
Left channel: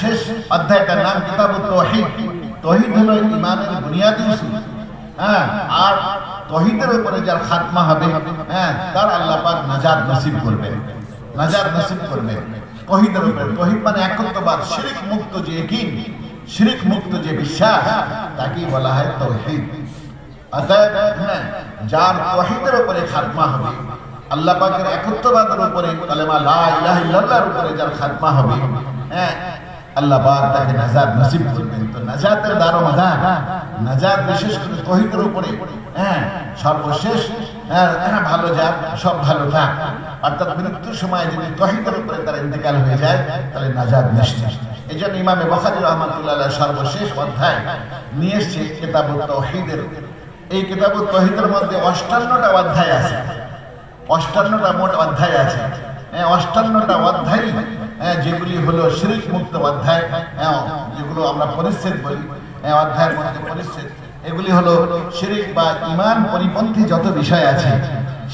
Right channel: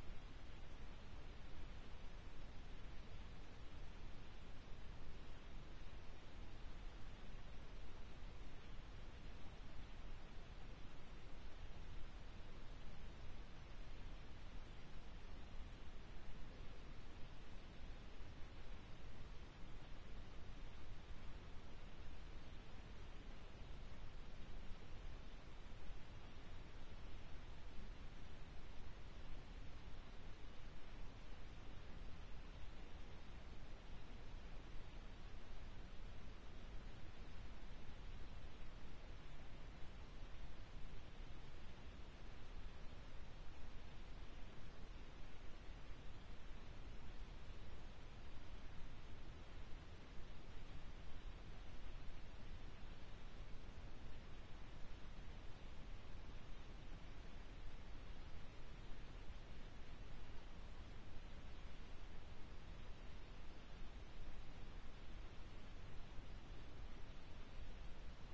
শেষ অধ্যায়টার নাম কিতাবুত তাওহীদ। তাওহীদ হলো ঈমানের বুনিয়াদি উসুল। আর তাওহীদের উপরে যার খাতমা হবে তার আল্লাহ পাক নাজাত নসিব করবেন। তাওহীদের উপরে, তাওহীদ মানে একত্ববাদ, শিরক মুক্ত যে ইয়াকিন, শিরক মুক্ত যে বিশ্বাস, তাকেই বলা হয় তাওহীদ। অতএব যার তাওহীদের উপরে খাতমা হবে, আল্লাহ পাকের একত্ববাদের উপরে, কালেমা লা ইলাহা ইল্লাল্লাহর উপরে যার খাতমা হবে, আল্লাহ পাক তাকে নাজাত নসিব করবেন। তো নাজাতের দারোমদার, নাজাত বিশেষ করে তাওহীদের উপরে সর্বশেষ ভালো যাক, সব ভালো থাক। অর্থাৎ মৃত্যুর সময় যদি তাওহীদের উপরে তার ইন্তেকাল হয়ে যায় তাহলে নাজাত নিশ্চিত। এই জন্য ইমামে বুখারী রাহমাতুল্লাহ আলাইহি সর্বশেষ অধ্যায় নিয়ে এসেছে কিতাবুত তাওহীদের। এই কিতাবুত তাওহীদের মধ্যে 58টা অধ্যায় আছে। 58টা মোট অধ্যায় আছে। 58টা অধ্যায় যেগুলি হলো শিরক মুক্ত অধ্যায়, যেগুলো আমরা পরিচ্ছেদ বলি, অধ্যায়ের মধ্যে পরিচ্ছেদ, এগুলি হলো শিরক বা ঈমান পরিপন্থী যত বিষয় আছে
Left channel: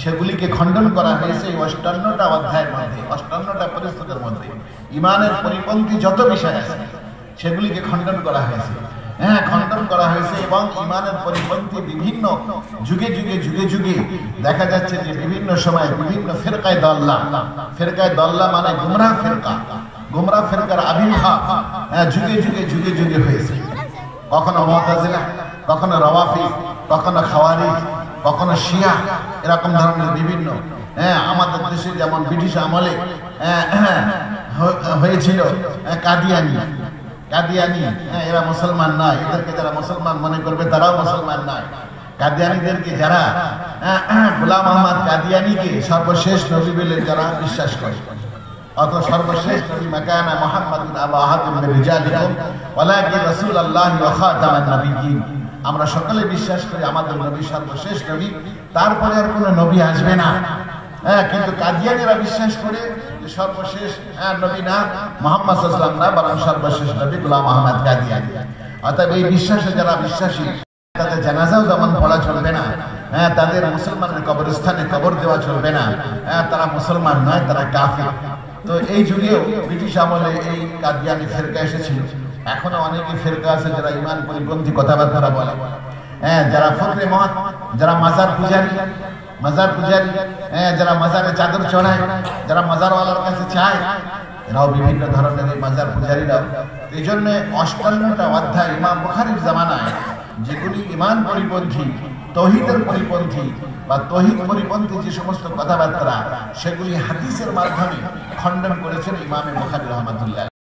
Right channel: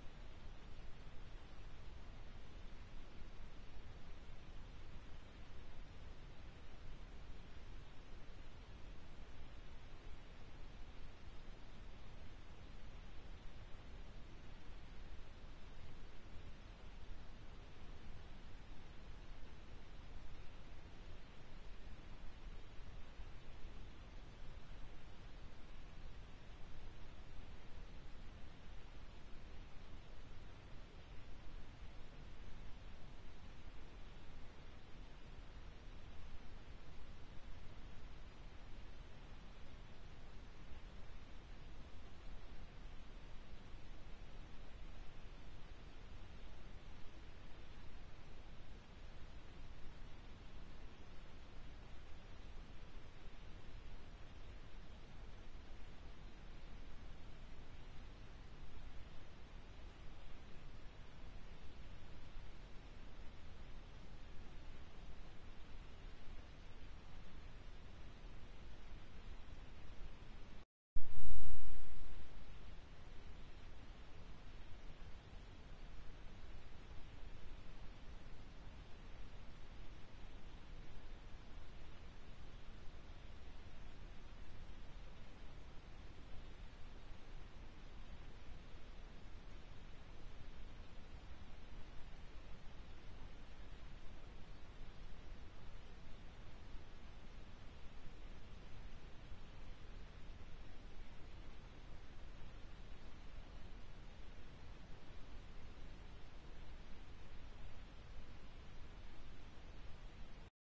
সেগুলিকে খণ্ডন করা হয়েছে এই 58টা অধ্যায়ের মধ্যে। 58টা পরিচ্ছেদের মধ্যে ঈমানের পরিপন্থী যত বিষয় আছে সেগুলিকে খণ্ডন করা হয়েছে। এবং ঈমানের পরিপন্থী বিভিন্ন যুগে দেখা যাচ্ছে যে বিভিন্ন সময় বিভিন্ন ফিরকায়ে দল্লা মানে গুমরাহ ফিরকার আবির্ভাব যুগে হয়েছে। কখনো মুতাজিলা, কখনো রাওয়াফিদ, কখনো খাওয়ারিজ, কখনো শিয়া, এরকম ধরনের বিভিন্ন। আমাদের দেশে যেমন ব্রিটিশ আমলে হয়েছিল কাদিয়ানি, এরা মুসলমান নয়, এদেরকে যারা মুসলমান মনে করবে তারাও মুসলমান নয়। কাদিয়ানিদেরকে যারা গোলাম আহমদ কাদিয়ানিকে সর্বশেষ নবী বলে যারা বিশ্বাস করে, অত সর্বশেষ নবী মাকানা মুহাম্মাদুন আবা আহাদিন মির রিজালিকুম ওয়ালাকিন রাসূলুল্লাহি ওয়া খাতামান নবিয়্যিন। আমরা সকলে বিশ্বাস করি আমাদের নবী সর্বশেষ নবী, তারপরে আর কোনো নবী আসবে না। কিন্তু কাদিয়ানিরা বিশ্বাস করে যে সর্বশেষ নবী না মুহাম্মদ সাল্লাল্লাহু আলাইহি ওয়াসাল্লাম না, বরং সর্বশেষ নবী গোলাম আহমদ কাদিয়ানি। অতএব এই বিশ্বাসে যারা বিশ্বাসী তাদের জানাজাও যেমন পড়া চলবে না, তাদের মুসলমানের কবরস্থানে কবর দেওয়া চলবে না, তারা মুসলমান নয়, তারা কাফির। তো এই যুগেও ব্রিটিশ আমলে এই কাদিয়ানি ফিরকা এসেছিল। এখনো অনেকে ফেরকা আছে যারা ইমান পরিপন্থী কথাবার্তা বলে, হ্যাঁ, যারা ফকরে মত, যারা মাজার পূজারী, হ্যাঁ, যারা মাজারে চাদর চড়ায়, যারা মাজারওয়ালার কাছে চায়, এরাও বিভিন্ন ধরনের এই মাজার পূজারীরাও। এই জন্য 58টা অধ্যায় ইমাম বুখারীর জামানায় যেগুলি ইমান পরিপন্থী, তৌহিদের পরিপন্থী বা তৌহিদ পরিপন্থী যে সমস্ত কথাবার্তা, সেগুলি হাদিসের মাধ্যমে খণ্ডন করেছেন ইমামে বুখারী রাহমাতুল্লাহ।